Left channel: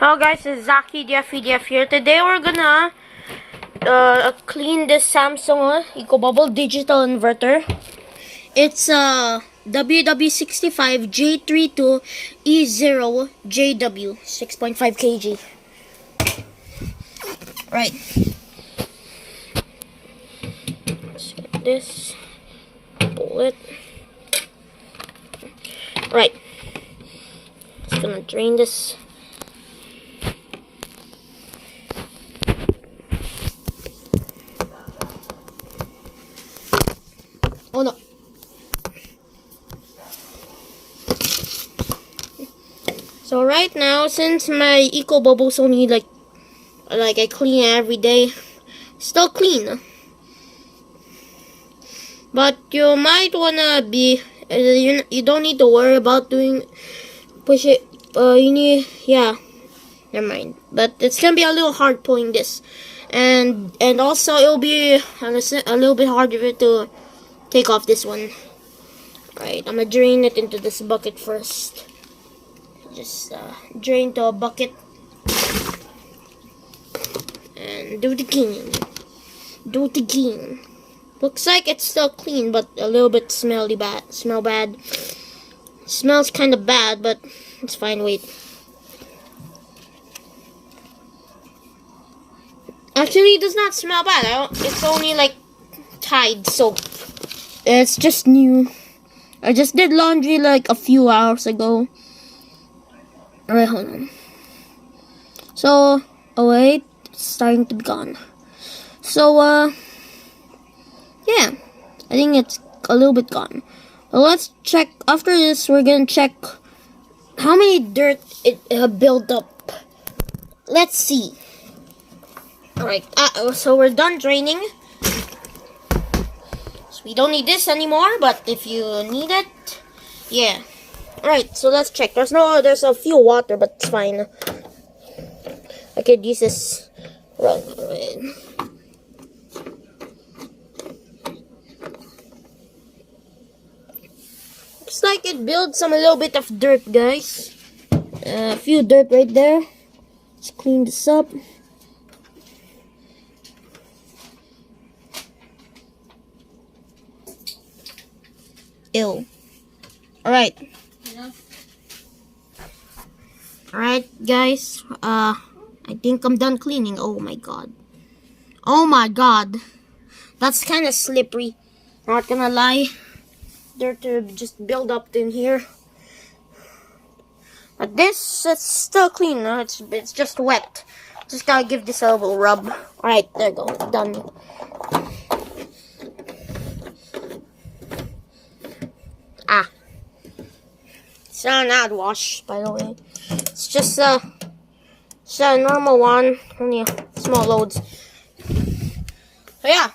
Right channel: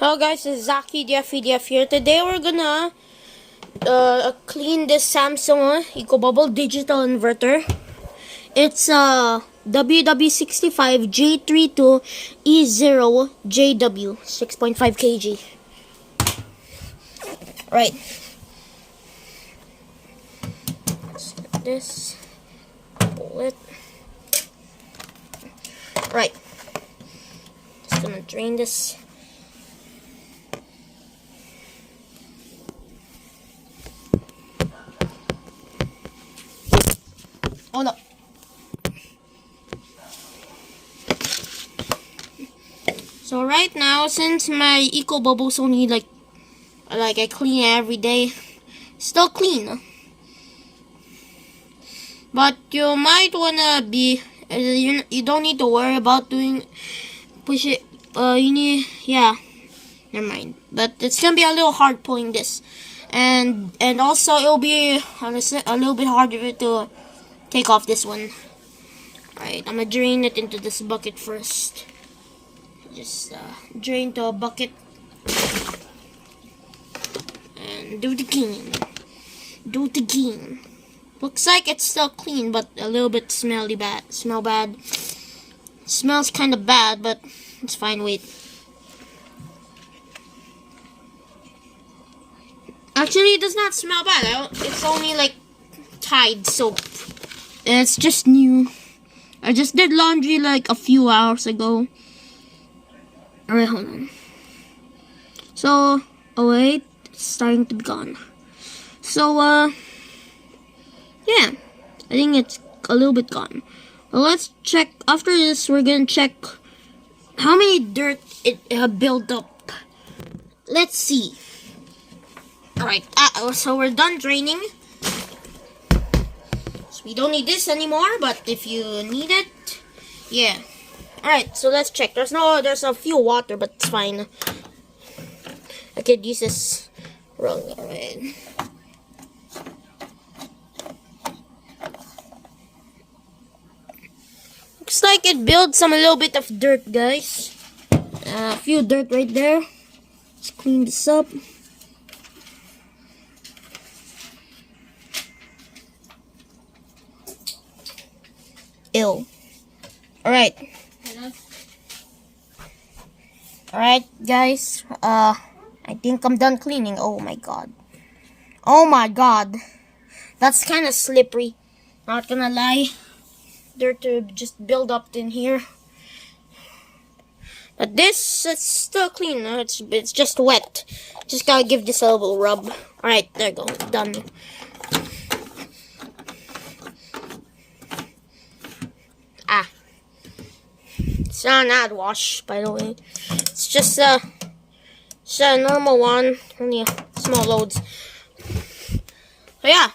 Hello guys, it's Zaki DF here. Today we're gonna clean this Samsung ecobubble digital inverter. It's WW65J32E0JW 6.5 kg. Right. Let's get this. Pull it. Right. Just gonna drain this. Oh no. So right now, since my ecobubbles only like I clean it every day, still clean. But you might wanna be you don't need to worry about push it. You need never mind. But it's gonna be a little hard pulling this, and also it'll be a little bit harder to take off this one. Alright, I'm gonna drain it into this bucket first. Just drain to a bucket and do it again. Do it again. Looks like it's still clean, but a little bit smell bad. Smells kind of bad, but it's fine. Wait. Actually, it does not smell bad. It's only like Tide soap. It's just new. I just did laundry like a few hours ago. Alright, hold on. So, oh wait, it's starting to be gone. So, yeah, I think it's a little bit gone. Well, let's check. After this, we're gonna check how many dirt it built up. Let's see. Alright, so we're done draining. We don't need this anymore, but if you need it, yeah. Alright, so let's check. There's a few water, but it's fine. I could use this rug. Alright. Looks like it builds a little bit of dirt, guys. A few dirt right there. Let's clean this up. Ew. Alright. Alright, guys. I think I'm done cleaning. Oh my god. Oh my god. That's kind of slippery. Not gonna lie. Dirt just build up in here. But it's still clean. No? It's just wet. Just gotta give this a little rub. Alright, there you go. Done. It's not an ad wash, by the way. It's just a normal one, only small loads. So yeah,